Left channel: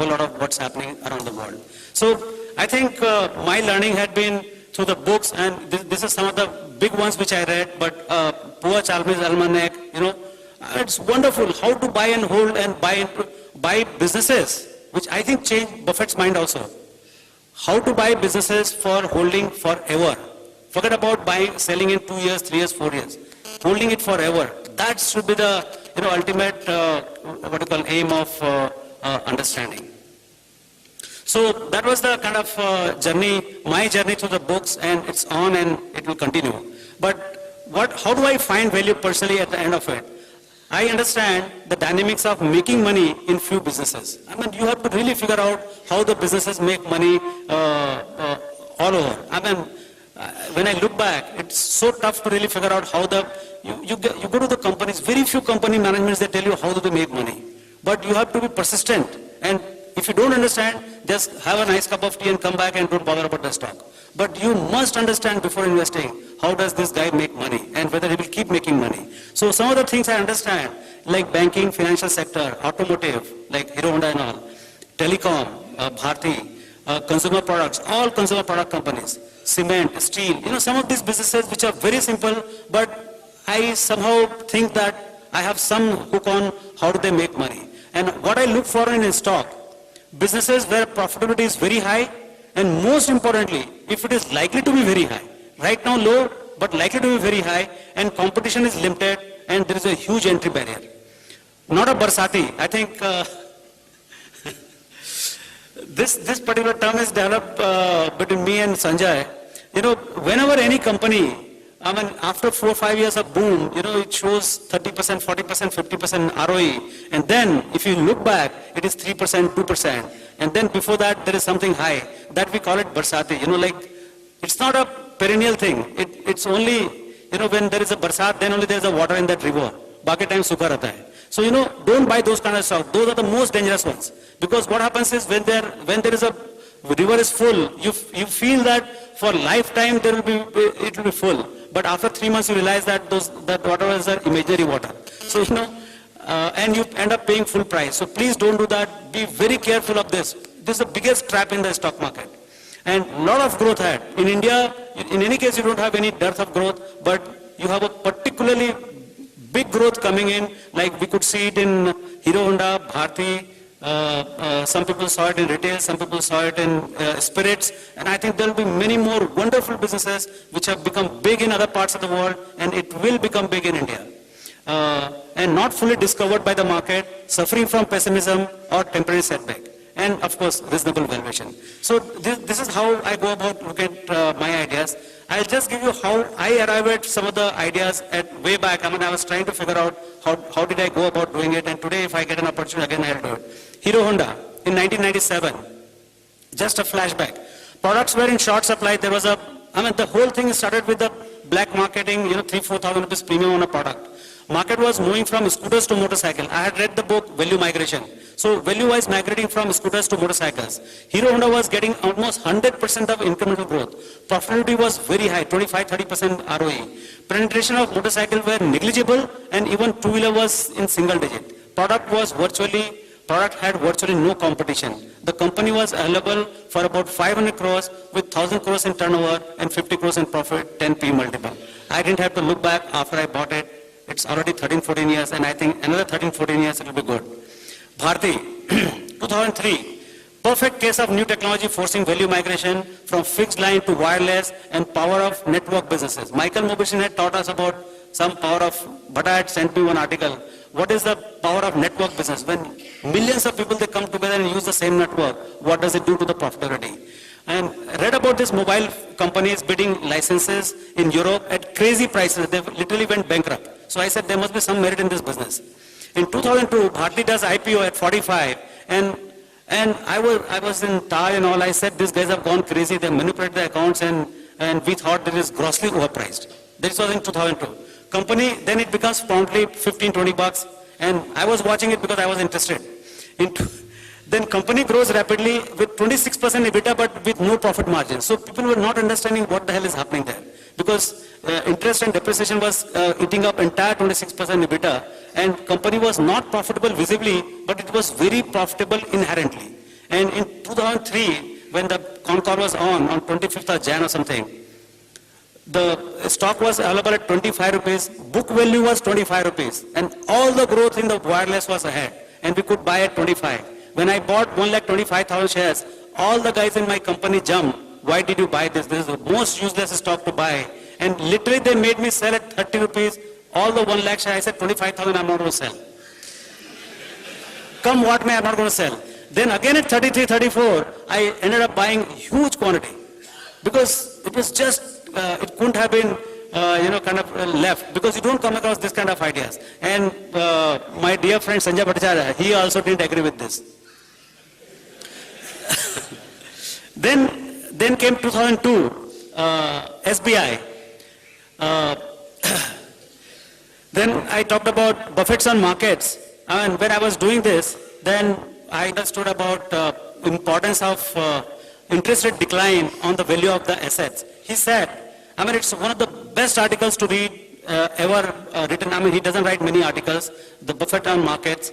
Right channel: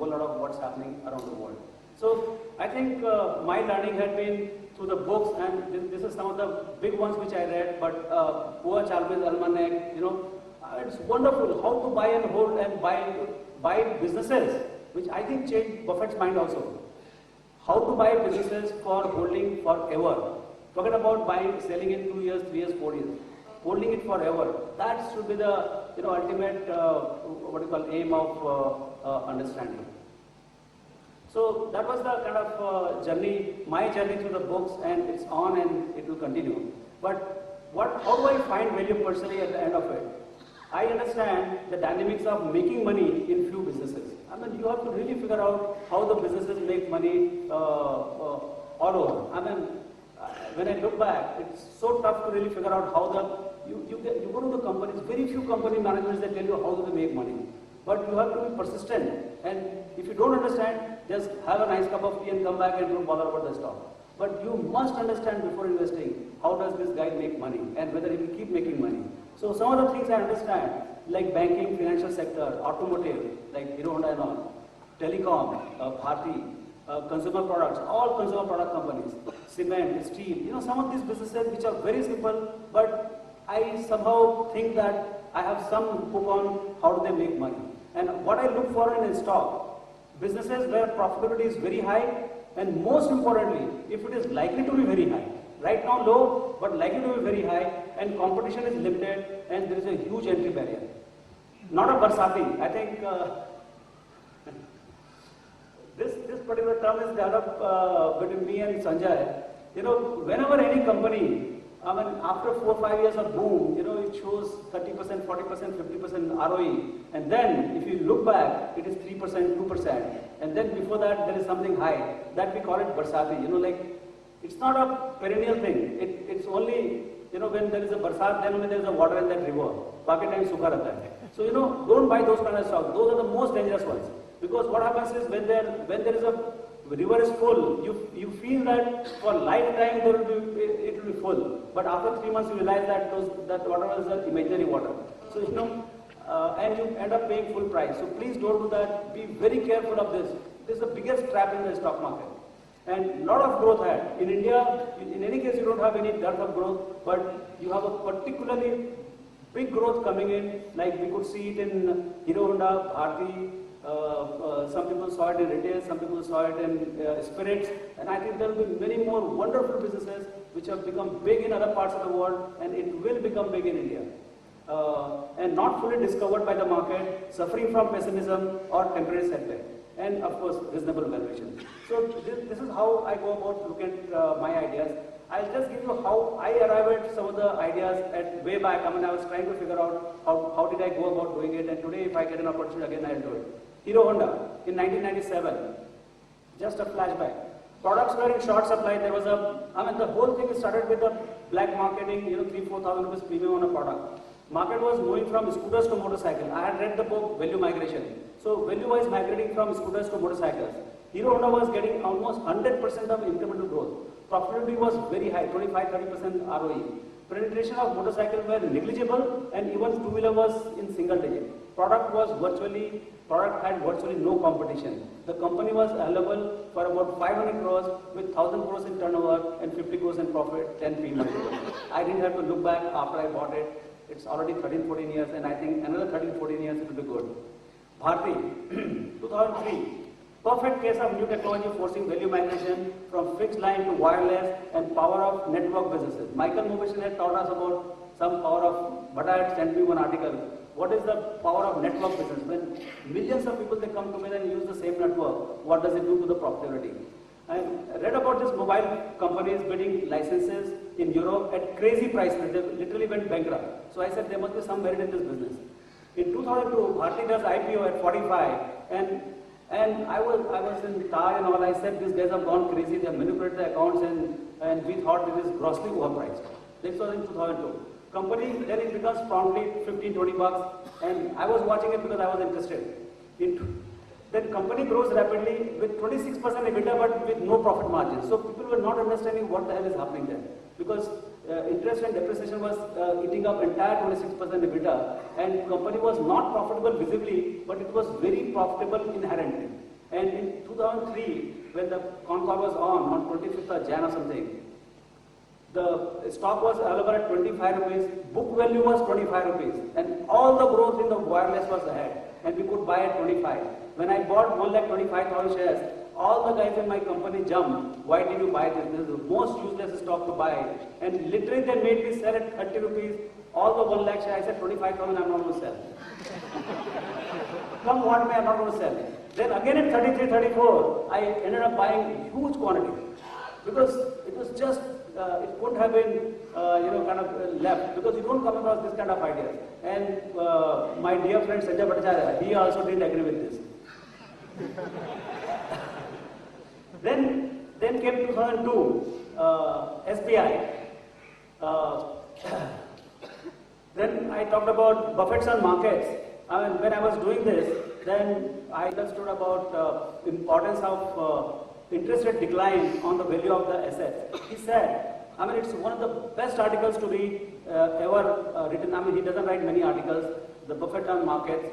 whole lot of what's happening around the world. So I think my learning had been through the books, and this is some of the big ones which I read, but Poor Chalmers Almanac, it's wonderful how to buy and hold and buy businesses, which I think changed Buffett's mind also. How to buy businesses for holding forever. Forget about buying, selling in 2 years, 3 years, 4 years. Holding it forever. That should be the ultimate aim of understanding. So that was the kind of journey, my journey through the books, and it's on and it will continue. But how do I find value personally at the end of it? I understand the dynamics of making money in few businesses. I mean, you have to really figure out how the businesses make money all over. I mean, when I look back, it's so tough to really figure out how you go to the companies, very few company managements that tell you how do they make money. But you have to be persistent, and if you don't understand, just have a nice cup of tea and come back and don't bother about the stock. But you must understand before investing, how does this guy make money and whether he will keep making money. So some of the things I understand, like banking, financial sector, automotive, like Hero Honda and all, telecom, Bharti, consumer products, all consumer product companies, cement, steel, some of these businesses which are very simple, but I somehow think that I have some hook on how do they make money. And what I look for in a stock, businesses where profitability is very high, and most importantly, if it is likely to be very high. Right now low, but likely to be very high, and competition is limited, and there is a huge entry barrier. Not a Barsati. I think this particular term is developed between me and Sanjay. Whenever any company, I mean, after 4 or 5 years of boom, it shows 30%, 40%, 50% ROE. And then, if you look back, it is 3%, 2%. And then before that, there is something high. That we call it Barsati. It's not a perennial thing. It's only, when there is a Barsat, then only there is a water in that river. Baki time sukha rehta hai. So, don't buy those kind of stuff. Those are the most dangerous ones. Because what happens is, when there is a river is full, you feel that for lifetime it will be full. But after 3 months you realize that that water was an imaginary water. So and you end up paying full price. So please don't do that. Be very careful of this. This is the biggest trap in the stock market. And a lot of growth had. In India, in any case you don't have any dearth of growth, but you have a particularly big growth coming in, like we could see it in Hero Honda, Bharti. Some people saw it in retail, some people saw it in spirits, and I think there will be many more wonderful businesses which have become big in other parts of the world, and it will become big in India. And not fully discovered by the market, suffering from pessimism or temporary setback, and of course reasonable valuation. So this is how I go about look at my ideas. I'll just give you how I arrived at some of the ideas at way back. I mean, I was trying to figure out how did I go about doing it, and today if I get an opportunity again, I'll do it. Hero Honda in 1997, just a flashback. Products were in short supply. There was the whole thing started with the black marketing, 3,000-4,000 rupees premium on a product. Market was moving from scooters to motorcycle. I had read the book Value Migration. So value-wise migrating from scooters to motorcycles. Hero Honda was getting almost 100% of incremental growth. Profitability was very high, 25-30% ROE. Penetration of motorcycle were negligible, and even two-wheeler was in single digit. Product had virtually no competition. The company was available for about 500 crores with 1,000 crores in turnover and 50 crores in profit, 10 P multiple. I didn't have to look back after I bought it. It's already 13-14 years, and I think another 13-14 years it will be good. Bharti, 2003, perfect case of new technology forcing value migration from fixed line to wireless and power of network businesses. Michael Mobishin had taught us about some power of, Bhatta had sent me one article. What is the power of network business? When millions of people, they come together and use the same network, what does it do to the profitability? And read about these mobile companies bidding licenses in Europe at crazy prices. They literally went bankrupt. So I said there must be some merit in this business. In 2002, Bharti does IPO at 45, and I was in Thai and all. I said these guys have gone crazy. They manipulate the accounts, and we thought it is grossly overpriced. This was in 2002. Company, then it becomes promptly 15-20 bucks, and I was watching it because I was interested. Then company grows rapidly with 26% EBITDA, but with no profit margin. So people were not understanding what the hell is happening there, because interest and depreciation was eating up entire 26% EBITDA, and company was not profitable visibly, but it was very profitable inherently. Jan or something. The stock was available at 25 rupees, book value was 25 rupees, and all the growth in the wireless was ahead, and we could buy at 25. When I bought 1,25,000 shares, all the guys in my company jumped. Why did you buy this? This is the most useless stock to buy. And literally they made me sell at 30 rupees, all the 1 lakh shares. I said 25,000 I'm not going to sell. Come what may, I'm not going to sell. Then again at 33, 34, I ended up buying huge quantity. Because it was just, it couldn't have been, kind of left. Because you don't come across this kind of ideas. And my dear friend Sanjay Bhattacharya, he also didn't agree with this. Then came 2002, SBI. Then I talked about Buffett's on markets. And when I was doing this, then I understood about importance of interest rate decline on the value of the assets. He said, it's one of the best articles to read ever written. He doesn't write many articles, the Buffett on markets.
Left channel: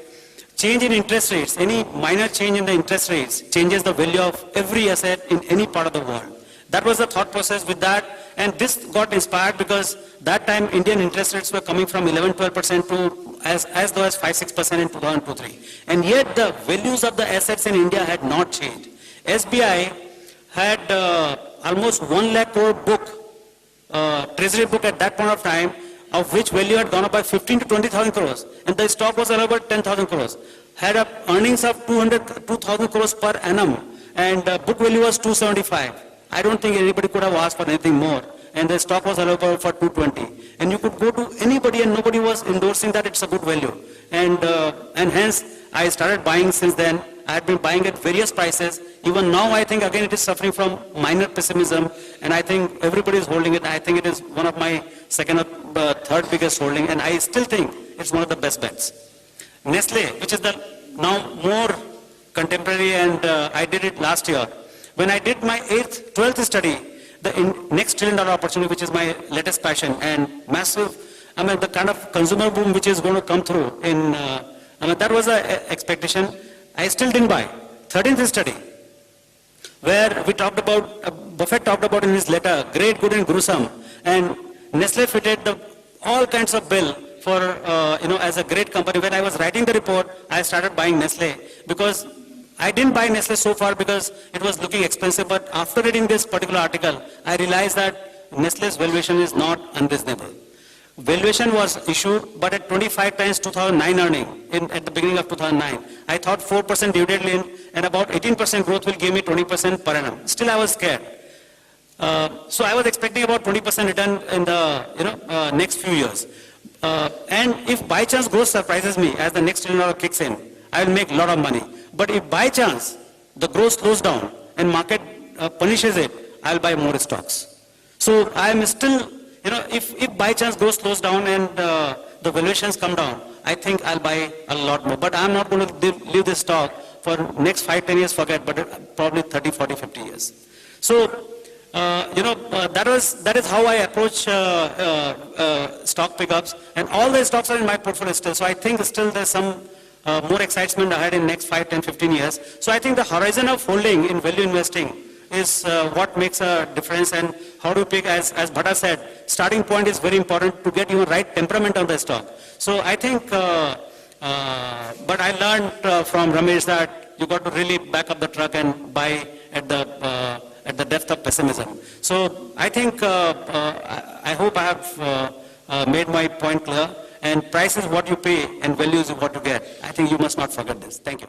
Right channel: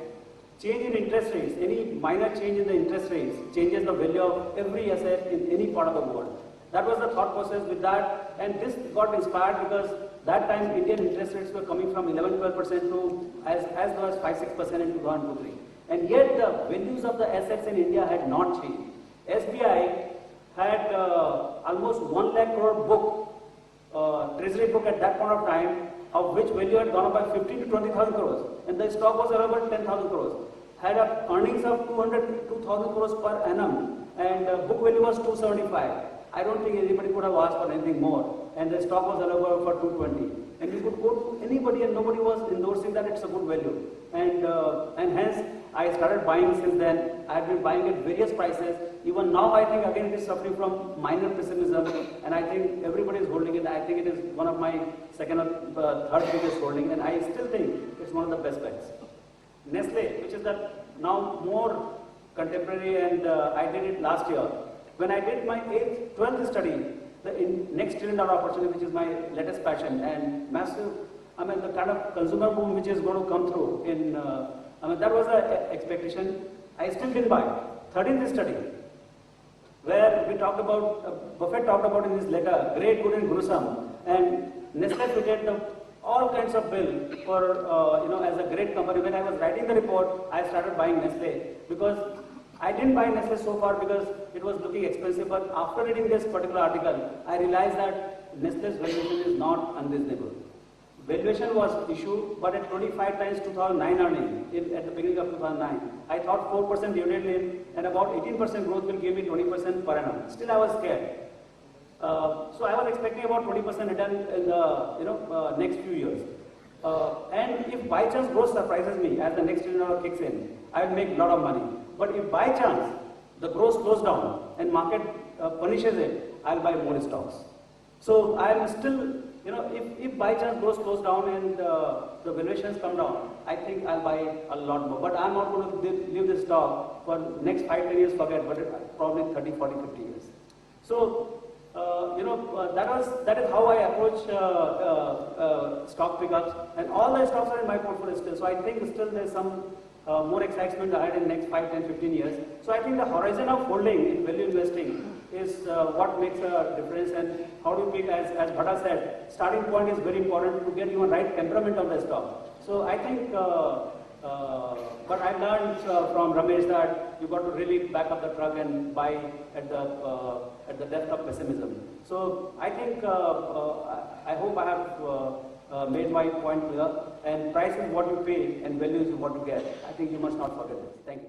Change in interest rates, any minor change in the interest rates changes the value of every asset in any part of the world. That was the thought process with that, and this got inspired because that time Indian interest rates were coming from 11-12% to as low as 5-6% in 2002-03. And yet the values of the assets in India had not changed. SBI had almost 1 lakh crore book, treasury book at that point of time, of which value had gone up by 15 to 20,000 crores, and the stock was around about 10,000 crores. Had earnings of 2,000 crores per annum, and book value was 275. I don't think anybody could have asked for anything more, and the stock was allowable for 220. And you could go to anybody and nobody was endorsing that it's a good value. And hence, I started buying since then. I have been buying at various prices. Even now, I think again it is suffering from minor pessimism, and I think everybody is holding it. I think it is one of my second or third biggest holding, and I still think it's one of the best bets. Nestle, which is the now more contemporary, and I did it last year. When I did my 12th study, the next $1 trillion opportunity, which is my latest passion, and massive, the kind of consumer boom which is going to come through in, that was an expectation. I still didn't buy. 13th study, where we talked about, Buffett talked about in his letter, great, good and gruesome, and Nestle fitted all kinds of bill for, as a great company. When I was writing the report, I started buying Nestle, because I didn't buy Nestle so far because it was looking expensive, but after reading this particular article, I realized that Nestle's valuation is not unreasonable. Valuation was issued, but at 25 times 2009 earning, at the beginning of 2009. I thought 4% dividend and about 18% growth will give me 20% per annum. Still I was scared. So I was expecting about 20% return in the next few years. And if by chance growth surprises me as the next $1 trillion kicks in, I will make a lot of money. But if by chance the growth slows down and market punishes it, I will buy more stocks. So I am still, if by chance growth slows down and the valuations come down, I think I'll buy a lot more. But I'm not going to leave this stock for next 5-10 years, forget, but probably 30, 40, 50 years. So, that is how I approach stock pickups, and all the stocks are in my portfolio still. So I think still there's some more excitement ahead in next 5, 10, 15 years. So I think the horizon of holding in value investing is what makes a difference, and how to pick, as Bhatta said, starting point is very important to get your right temperament on the stock. So I think, but I learned from Ramesh that you got to really back up the truck and buy at the depth of pessimism. So I think, I hope I have made my point clear, and price is what you pay and value is what you get. I think you must not forget this. Thank you.